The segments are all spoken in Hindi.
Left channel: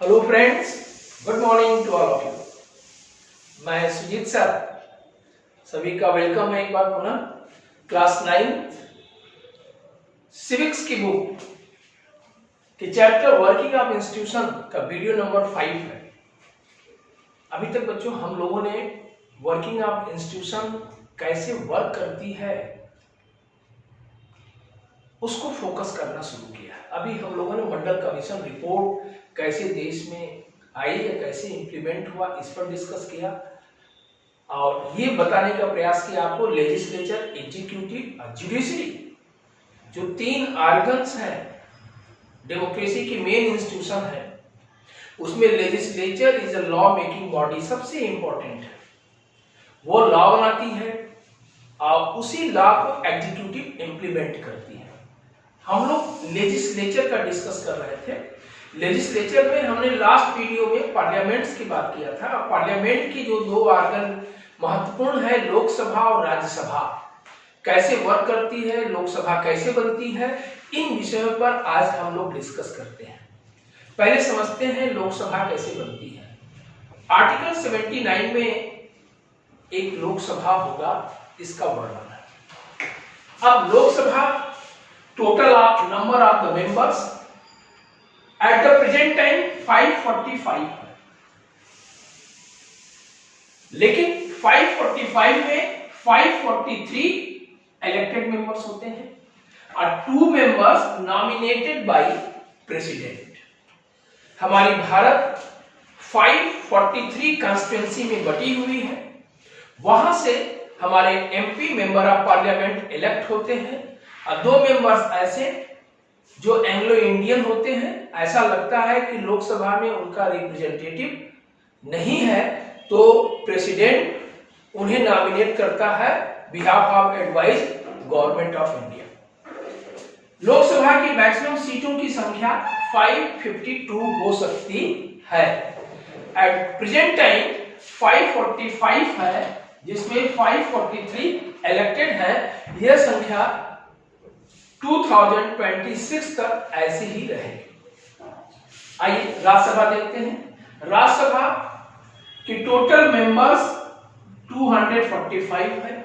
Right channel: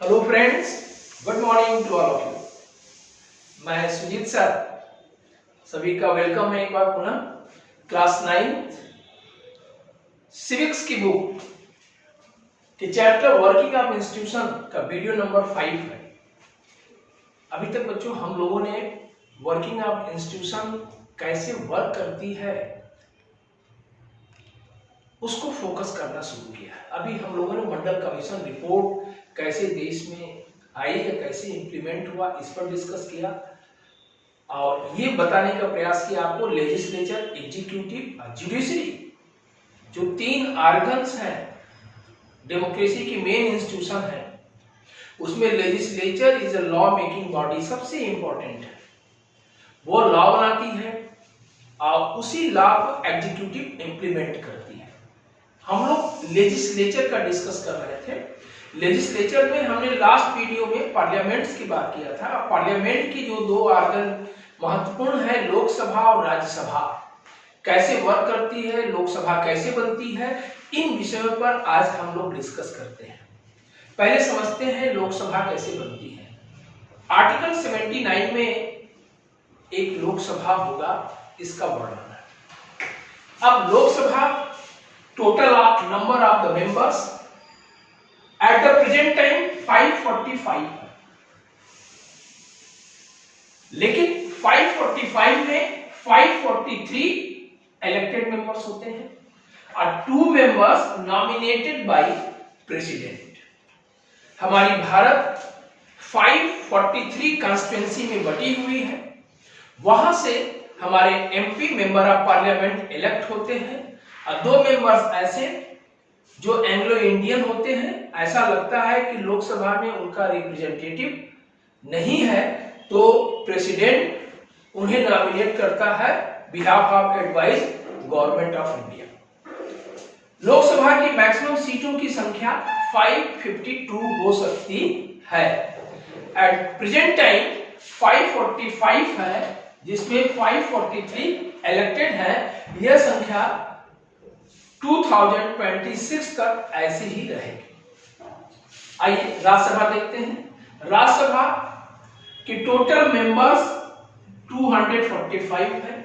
Hello friends, good morning to all of you. मैं सुजीत सर, सभी का वेलकम है एक बार पुनः। क्लास 9 सिविक्स की बुक के चैप्टर वर्किंग ऑफ इंस्टीट्यूशन का वीडियो नंबर 5 है। अभी तक बच्चों हम लोगों ने वर्किंग ऑफ इंस्टीट्यूशन कैसे वर्क करती है उसको फोकस करना शुरू किया है। अभी हम लोगों ने मंडल कमीशन रिपोर्ट कैसे देश में आई या कैसे इंप्लीमेंट हुआ इस पर डिस्कस किया और ये बताने का प्रयास किया आपको लेजिस्लेचर, एग्जीक्यूटिव और जुडिशरी जो 3 ऑर्गन्स हैं डेमोक्रेसी की मेन इंस्टीट्यूशन है, उसमें legislature is a law making body, सबसे इंपॉर्टेंट है। वो लॉ बनाती है और उसी लॉ को एग्जीक्यूटिव इंप्लीमेंट करती है। हम लोग लेजिस्लेचर का डिस्कस कर रहे थे। लेजिस्लेचर में हमने लास्ट वीडियो में पार्लियामेंट्स की बात किया था। पार्लियामेंट की जो 2 ऑर्गन महत्वपूर्ण है, लोकसभा और राज्यसभा, कैसे वर्क करती है, लोकसभा कैसे बनती है, इन विषयों पर आज हम लोग डिस्कस करते हैं। पहले समझते हैं लोकसभा कैसे बनती है। आर्टिकल 79 में एक लोकसभा होगा, इसका वर्णन है। अब Lok Sabha total number of the members at the present time 545 है, लेकिन 545 में 543 इलेक्टेड मेंबर्स होते हैं और 2 मेंबर्स नॉमिनेटेड बाय प्रेसिडेंट। हमारी भारत 543 कॉन्स्टिट्यूएंसी में बटी हुई है। वहां से हमारे MP member of parliament elect होते हैं और 2 मेंबर्स ऐसे जो एंग्लो इंडियन होते हैं। ऐसा लगता है कि लोकसभा में उनका रिप्रेजेंटेटिव नहीं है तो प्रेसिडेंट उन्हें नॉमिनेट करता है behalf of advice government of India. Lok Sabha की मैक्सिमम सीटों की संख्या 552 हो सकती है। एट प्रेजेंट टाइम 545 है, जिसमें 543 इलेक्टेड है। यह संख्या 2026 तक ऐसी ही रहेगी। आइए राज्यसभा देखते हैं। राज्यसभा की टोटल मेंबर्स 245 है।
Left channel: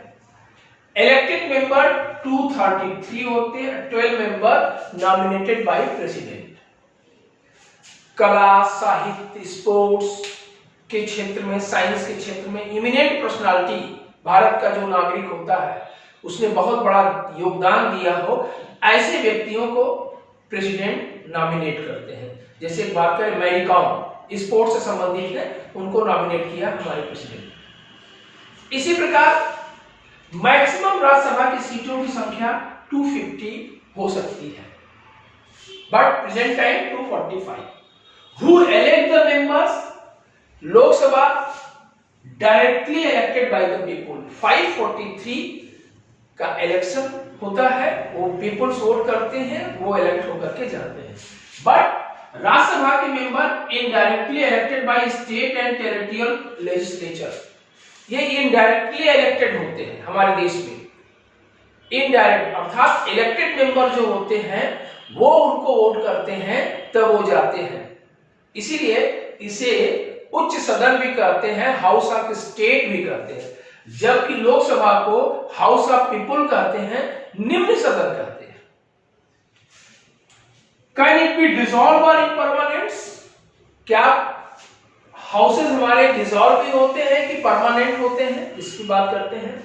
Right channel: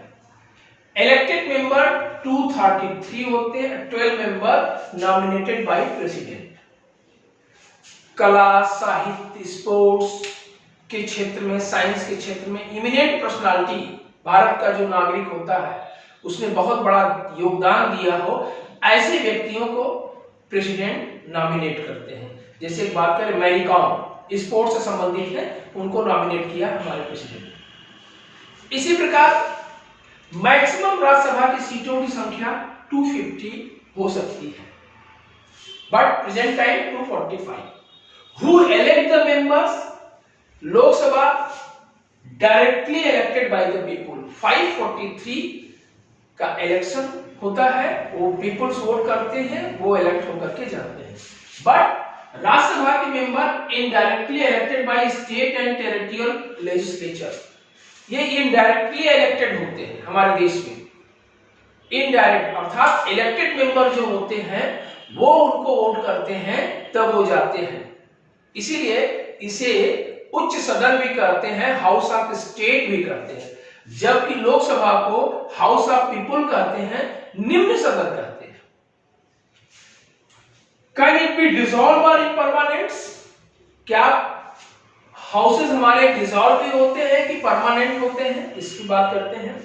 इलेक्टेड मेंबर 233 होते हैं, 12 मेंबर नॉमिनेटेड बाय प्रेसिडेंट। कला, साहित्य, स्पोर्ट्स के क्षेत्र में, साइंस के क्षेत्र में इमिनेंट पर्सनालिटी भारत का जो नागरिक होता है उसने बहुत बड़ा योगदान दिया हो, ऐसे व्यक्तियों को प्रेसिडेंट नॉमिनेट करते हैं। जैसे एक बात करें, मैरी कॉम स्पोर्ट्स से संबंधित है, उनको नॉमिनेट किया हमारे प्रेसिडेंट। इसी प्रकार मैक्सिमम राज्यसभा की सीटों की संख्या 250 हो सकती है, but present time 245। Who elect the members? Lok Sabha directly elected by the people. 543 का इलेक्शन होता है, वो पीपल्स वोट करते हैं, वो इलेक्ट होकर के जाते हैं। बट राज्यसभा के member indirectly elected by state and territorial legislature. ये इनडायरेक्टली इलेक्टेड होते हैं हमारे देश में। इनडायरेक्ट अर्थात इलेक्टेड मेंबर जो होते हैं वो उनको वोट करते हैं तब वो जाते हैं। इसीलिए इसे उच्च सदन भी कहते हैं, हाउस ऑफ स्टेट भी कहते हैं, जबकि लोकसभा को हाउस ऑफ पीपुल कहते हैं, निम्न सदन कहते हैं। कैन इट बी डिसॉल्व और इम्परमानेंट्स? क्या हाउसेस हमारे डिसॉल्व भी होते हैं कि परमानेंट होते हैं, इसकी बात करते हैं।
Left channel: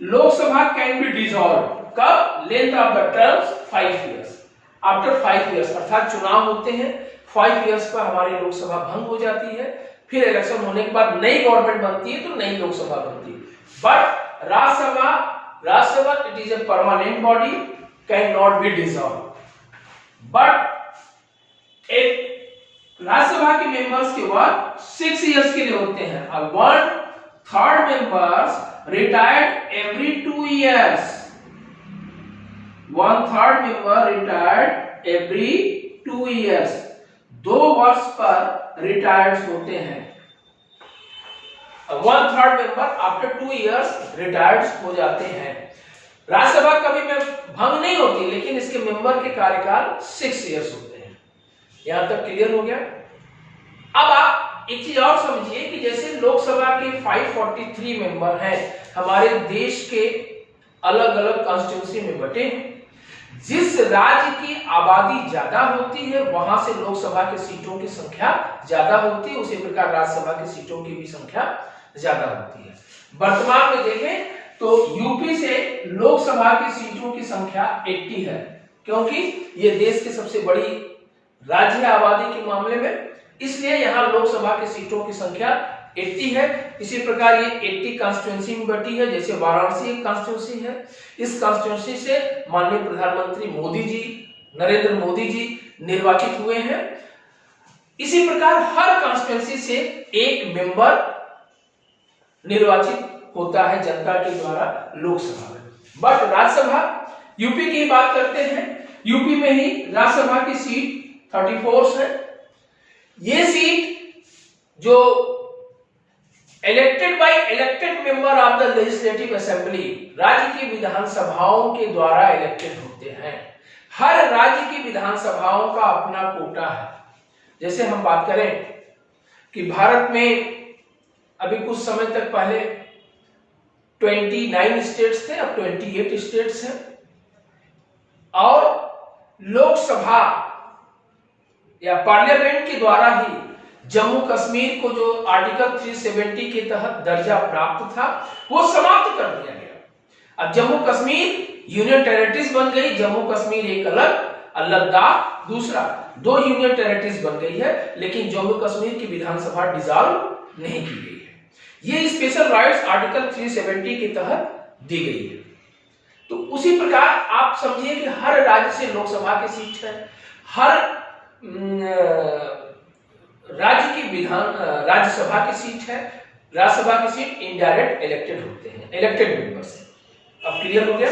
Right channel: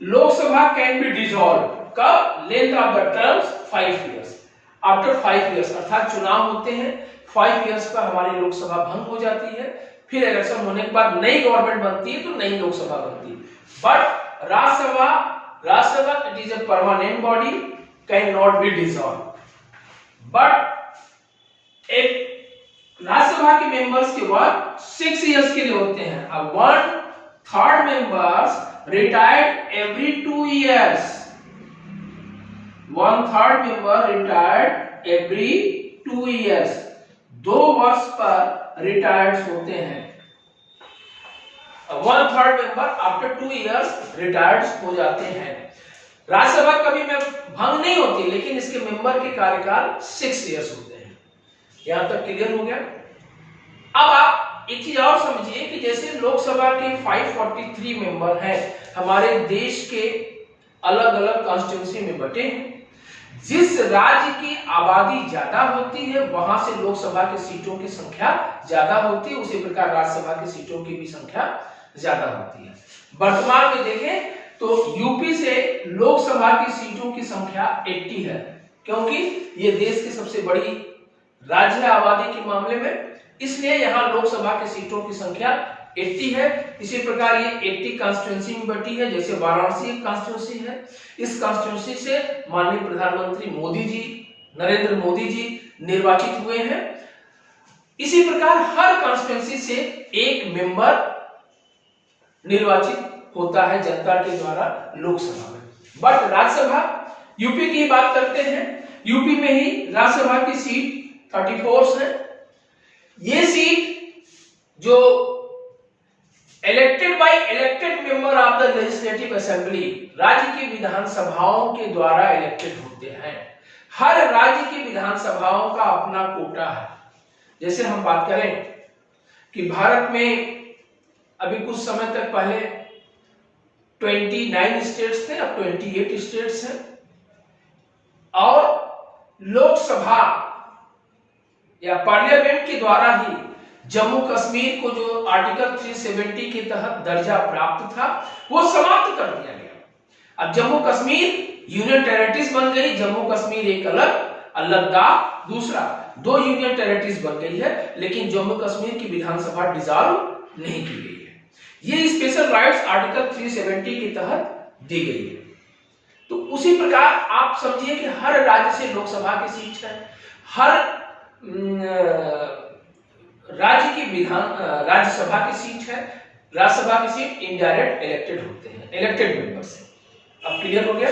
लोकसभा कैन बी डिसॉल्व कब? Length of the terms 5 years. After 5 years अर्थात चुनाव होते हैं, 5 इयर्स पर हमारी लोकसभा भंग हो जाती है, फिर इलेक्शन होने के बाद नई गवर्नमेंट बनती है तो नई लोकसभा बनती है। But Rajya Sabha it is a permanent body, can not be dissolve. But एक राज्यसभा के मेंबर्स के वर्क 6 इयर्स के लिए होते हैं। अब 1/3 members retired every 2 years. 1/3 member retired every 2 years. 2 वर्ष पर रिटायर्ड होते हैं। 1/3 मेंबर आफ्टर 2 इयर्स रिटायर्ड हो जाते हैं। राज्यसभा कभी में भंग नहीं होती, लेकिन इसके मेंबर के कार्यकाल 6 इयर्स होते हैं। यहां तक क्लियर हो गया? अब आप एक चीज और समझिए कि जैसे लोकसभा के 543 मेंबर हैं, हमारे देश के अलग अलग कॉन्स्टिट्यूंसी में बटे हैं। जिस राज्य की आबादी ज्यादा होती है वहां से लोकसभा की सीटों की संख्या ज्यादा होती है, उसी प्रकार राज्यसभा की सीटों की भी संख्या ज्यादा होती है। वर्तमान में देखें तो यूपी से लोकसभा की सीटों की संख्या 80 है, क्योंकि ये देश की सबसे बड़ी राज्य है आबादी के मामले में, इसलिए यहाँ लोकसभा की सीटों की संख्या 80 है। इसी प्रकार ये 80 कॉन्स्टिट्यूंसी में बटी है। जैसे वाराणसी एक कॉन्स्टिट्यूंसी है, इस कॉन्स्टिट्यूंसी से माननीय प्रधानमंत्री मोदी जी, नरेंद्र मोदी जी निर्वाचित हुए हैं। इसी प्रकार हर कॉन्स्टिट्यूंसी से एक मेंबर निर्वाचित होता है जनता के द्वारा लोकसभा में। बट राज्यसभा, यूपी की बात करते हैं, यूपी में ही राज्यसभा की सीट 34 है। ये सीट जो elected member of the legislative assembly, राज्य की विधानसभाओं के द्वारा इलेक्टेड होते हैं। हर राज्य की विधानसभाओं का अपना कोटा है। जैसे हम बात करें कि भारत में अभी कुछ समय तक पहले 29 स्टेट्स थे, अब 28 स्टेट्स हैं। और लोकसभा या पार्लियामेंट के द्वारा ही जम्मू कश्मीर को जो आर्टिकल 370 के तहत दर्जा प्राप्त था वो समाप्त कर दिया गया। अब जम्मू कश्मीर यूनियन टेरिटरीज बन गई। जम्मू कश्मीर एक अलग, लद्दाख दूसरा, 2 यूनियन टेरिटरीज बन गई है, लेकिन जम्मू कश्मीर की विधानसभा डिसॉल्व नहीं की गई है। ये स्पेशल राइट्स आर्टिकल 370 के तहत दी गई है। तो उसी प्रकार आप समझिए कि हर राज्य से लोकसभा की सीट है, हर राज्य की राज्यसभा की सीट है। राज्यसभा की सीट इनडायरेक्ट इलेक्टेड होते हैं, इलेक्टेड मेंबर्स हैं। अब क्लियर हो गया।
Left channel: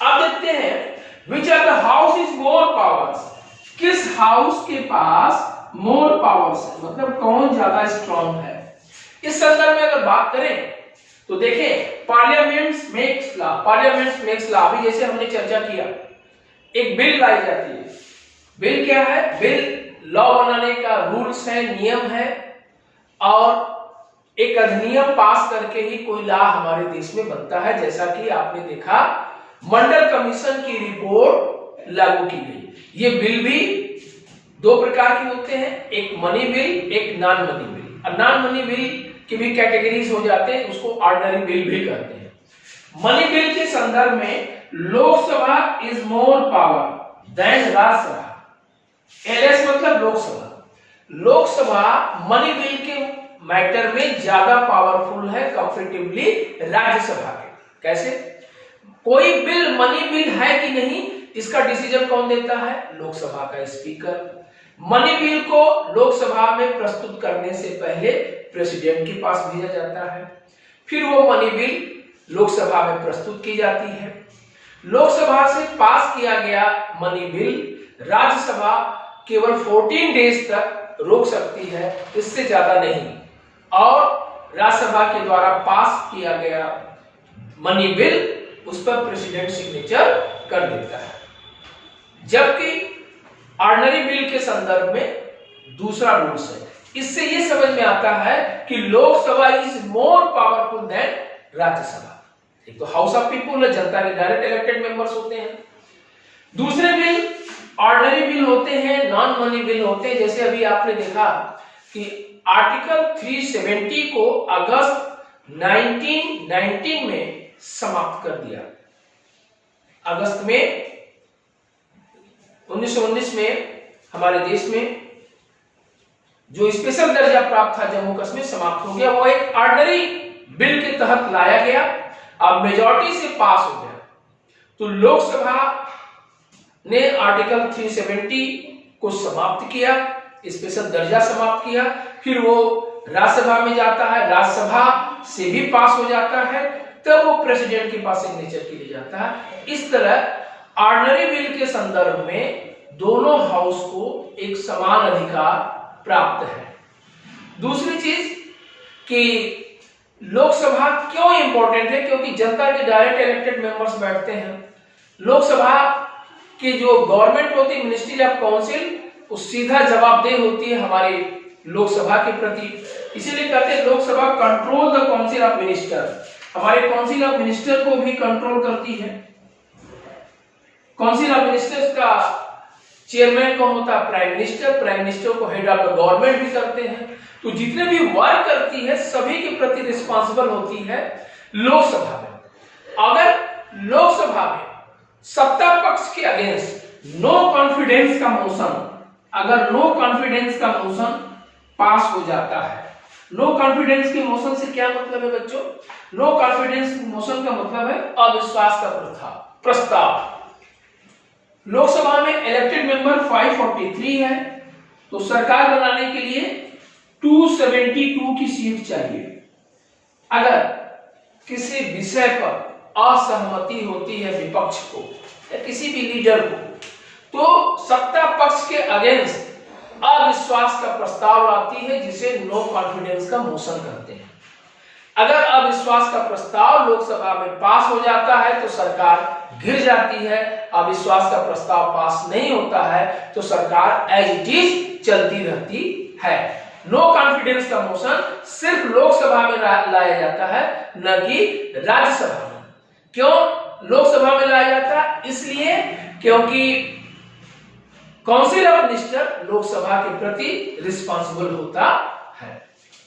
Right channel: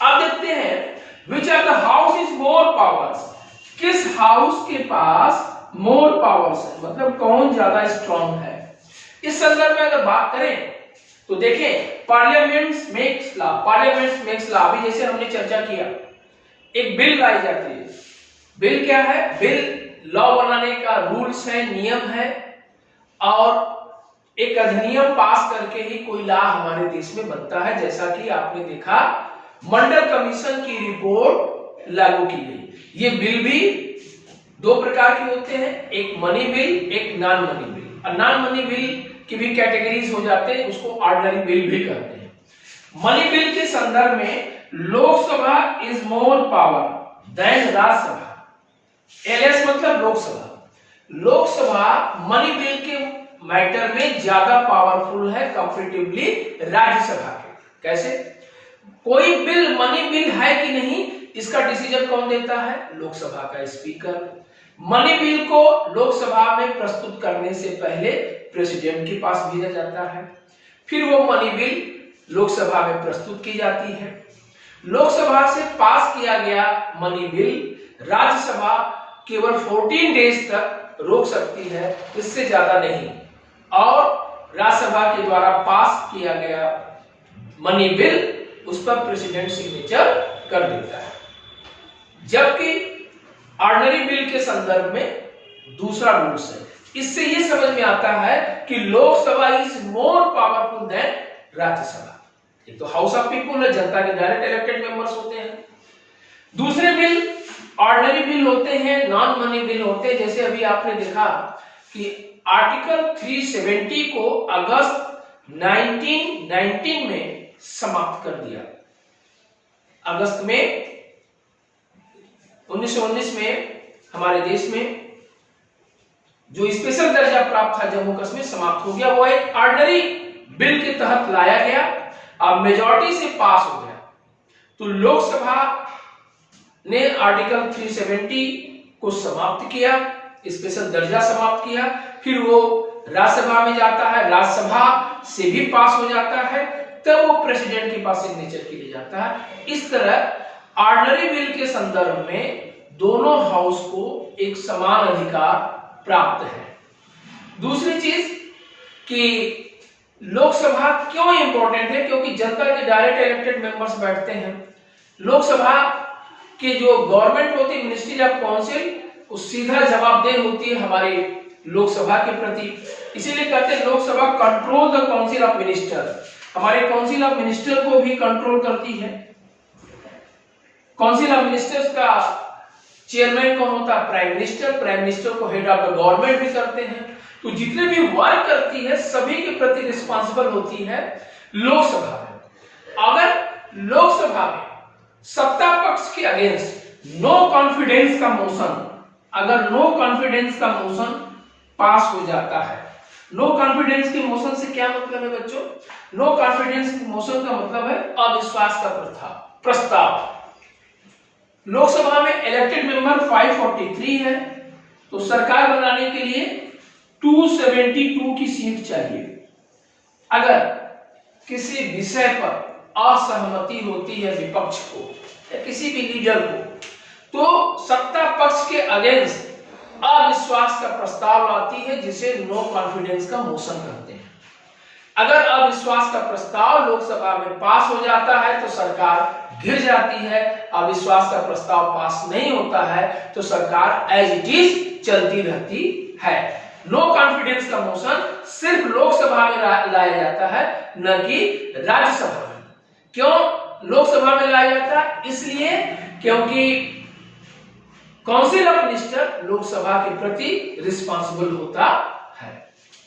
अब देखते हैं which of the house is more powers, किस हाउस के पास मोर पावर्स है, मतलब कौन ज्यादा स्ट्रांग है। इस संदर्भ में अगर बात करें तो देखें parliament makes law, parliament makes law. अभी जैसे हमने चर्चा किया, एक बिल लाई जाती है। बिल क्या है? बिल लॉ बनाने का रूल्स है, नियम है, और एक अधिनियम पास करके ही कोई लॉ हमारे देश में बनता है। जैसा कि आपने देखा मंडल कमीशन की रिपोर्ट लागू की गई। ये बिल भी 2 प्रकार के होते हैं, एक मनी बिल, एक नॉन मनी बिल। और नॉन मनी बिल की भी कैटेगरीज हो जाते हैं, उसको ऑर्डिनरी बिल भी कहते हैं। मनी बिल के संदर्भ में Lok Sabha is more power than Rajya Sabha. LS मतलब लोकसभा। लोकसभा मनी बिल के मैटर में ज्यादा पावरफुल है कंपैरेटिवली राज्यसभा के। कैसे? कोई बिल मनी बिल है कि नहीं, इसका डिसीजन कौन देता है? लोकसभा का स्पीकर। मनी बिल को लोकसभा में प्रस्तुत करने से पहले प्रेसिडेंट के पास भेजा जाता है, फिर वो मनी बिल लोकसभा में प्रस्तुत की जाती है। लोकसभा से पास किया गया मनी बिल राज्यसभा केवल 14 डेज तक रोक सकती है, इससे ज्यादा नहीं। और राज्यसभा के द्वारा पास किया गया मनी बिल, उस पर प्रेसिडेंट सिग्नेचर कर देता है। जबकि ऑर्डिनरी बिल के संदर्भ में दूसरा रूल्स है। इससे ये समझ में आता है कि Lok Sabha is more powerful than Rajya Sabha. एक तो हाउस ऑफ पीपुल है, जनता के डायरेक्ट इलेक्टेड मेंबर्स होते हैं। दूसरे बिल ऑर्डिनरी बिल होते हैं, नॉन मनी बिल होते हैं। जैसे अभी आपने देखा कि आर्टिकल 370 को अगस्त 1919 में समाप्त कर दिया। अगस्त में 1919 में हमारे देश में जो स्पेशल दर्जा प्राप्त था जम्मू कश्मीर, समाप्त हो गया। वो एक ऑर्डिनरी बिल के तहत लाया गया, अब मेजॉरिटी से पास हो गया। तो लोकसभा ने आर्टिकल 370 को समाप्त किया, स्पेशल दर्जा समाप्त किया, फिर वो राज्यसभा में जाता है, राज्यसभा से भी पास हो जाता है, तब वो प्रेसिडेंट के पास सिग्नेचर के लिए जाता है। इस तरह ऑर्डिनरी बिल के संदर्भ में दोनों हाउस को एक समान अधिकार प्राप्त है। दूसरी चीज कि लोकसभा क्यों इंपॉर्टेंट है, क्योंकि जनता के डायरेक्ट इलेक्टेड मेंबर्स बैठते हैं। लोकसभा की जो गवर्नमेंट होती है, मिनिस्ट्री ऑफ काउंसिल, वो सीधा जवाबदेह होती है हमारे लोकसभा के प्रति। इसीलिए कहते हैं Lok Sabha control the council of minister, हमारे काउंसिल ऑफ मिनिस्टर को भी कंट्रोल करती है। काउंसिल ऑफ मिनिस्टर्स का चेयरमैन कौन होता है? Prime minister. प्राइम मिनिस्टर को हेड ऑफ द गवर्नमेंट भी करते हैं। तो जितने भी वर्क करती है सभी के प्रति रिस्पांसिबल होती है लोकसभा में। अगर लोकसभा में सत्ता पक्ष के अगेंस्ट नो कॉन्फिडेंस का मोशन, अगर नो कॉन्फिडेंस का मोशन पास हो जाता है, नो कॉन्फिडेंस के मोशन से क्या मतलब है बच्चों? नो कॉन्फिडेंस मोशन का मतलब है अविश्वास का प्रस्ताव। लोकसभा में इलेक्टेड मेंबर 543 है, तो सरकार बनाने के लिए 272 की सीट चाहिए। अगर किसी विषय पर असहमति होती है विपक्ष को या किसी भी लीडर को, तो सत्ता पक्ष के अगेंस्ट अविश्वास का प्रस्ताव लाती है, जिसे नो कॉन्फिडेंस का मोशन कहते हैं। अगर अविश्वास का प्रस्ताव लोकसभा में पास हो जाता है तो सरकार गिर जाती है। अविश्वास का प्रस्ताव पास नहीं होता है तो सरकार एज इट इज चलती रहती है। नो कॉन्फिडेंस का मोशन सिर्फ लोकसभा में लाया जाता है, न कि राज्यसभा में। क्यों लोकसभा में लाया जाता है? इसलिए क्योंकि काउंसिल ऑफ मिनिस्टर लोकसभा के प्रति रिस्पांसिबल होता है।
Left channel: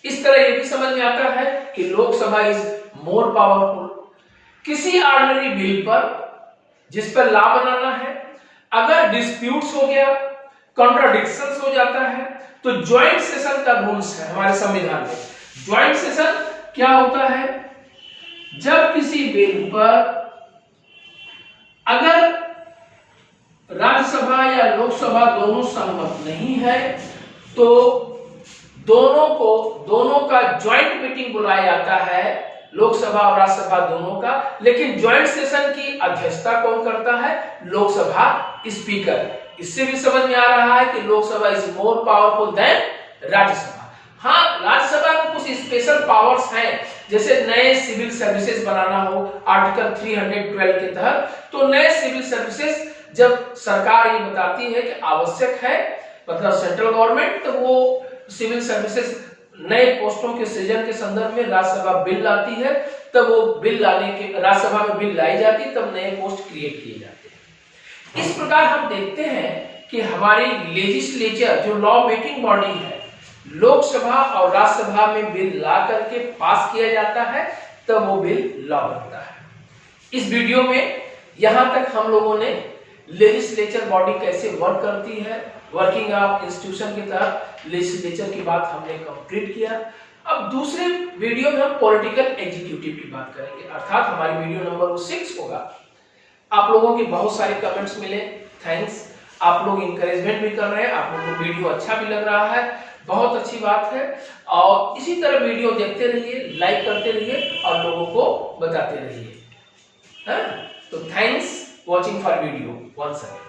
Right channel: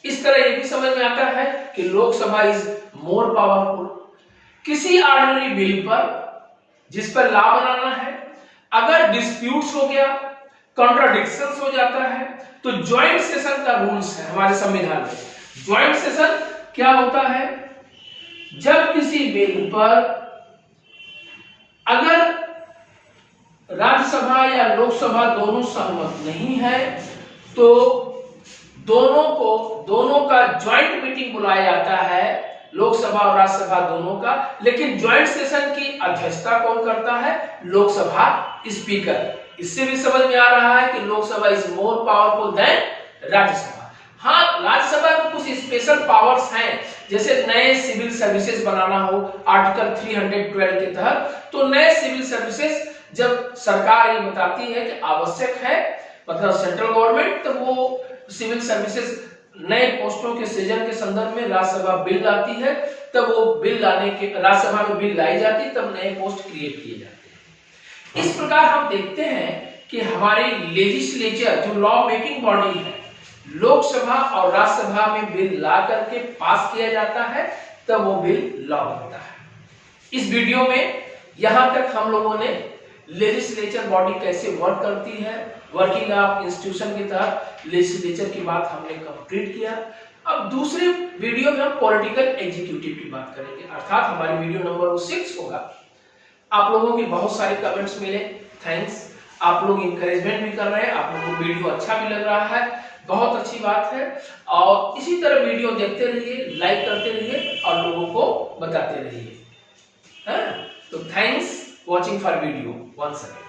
इस तरह यह भी समझ में आता है कि लोकसभा इज मोर पावरफुल। किसी ऑर्डिनरी बिल पर जिस पर लॉ बनाना है, अगर डिस्प्यूट्स हो गया, कॉन्ट्राडिक्शंस हो जाता है, तो ज्वाइंट सेशन का रूल्स है हमारे संविधान में। ज्वाइंट सेशन क्या होता है? जब किसी बिल पर अगर राज्यसभा या लोकसभा दोनों सहमत नहीं है तो दोनों का ज्वाइंट मीटिंग बुलाया जाता है, लोकसभा और राज्यसभा दोनों का। लेकिन ज्वाइंट सेशन की अध्यक्षता कौन करता है? लोकसभा स्पीकर। इससे भी समझ में आ रहा है कि Lok Sabha is more powerful than Rajya Sabha. हाँ, राज्यसभा को कुछ स्पेशल पावर्स हैं, जैसे नए सिविल सर्विसेज बनाना हो आर्टिकल 312 के तहत, तो नए सिविल सर्विसेज जब सरकार ये बताती है कि आवश्यक है, मतलब सेंट्रल गवर्नमेंट, तो वो सिविल सर्विसेज नए पोस्टों के सृजन के संदर्भ में राज्यसभा बिल लाती है, तब वो बिल लाने के राज्यसभा में बिल लाई जाती है, तब नए पोस्ट क्रिएट किए जाते हैं। इस प्रकार हम देखते हैं कि हमारी लेजिस्लेचर जो लॉ मेकिंग बॉडी है, लोकसभा और राज्यसभा में बिल ला करके पास किया जाता है, तब वो बिल लॉ बनता है। इस वीडियो में यहां तक हम लोगों ने लेजिस्लेचर बॉडी कैसे वर्क करती है, वर्किंग ऑफ इंस्टीट्यूशन के तहत लेजिस्लेचर की बात हमने कंप्लीट किया। अब दूसरे वीडियो में हम पॉलिटिकल एग्जीक्यूटिव की बात करेंगे, अर्थात हमारी वीडियो नंबर 6 होगा। आप लोगों के बहुत सारे कमेंट्स मिले, थैंक्स। आप लोग इंकरेजमेंट भी कर रहे हैं, आप लोगों को वीडियो अच्छा भी लग रहा है, बहुत अच्छी बात है। और इसी तरह वीडियो देखते रहिए, लाइक करते रहिए और लोगों को बताते रहिए। तो thanks watching for video once again.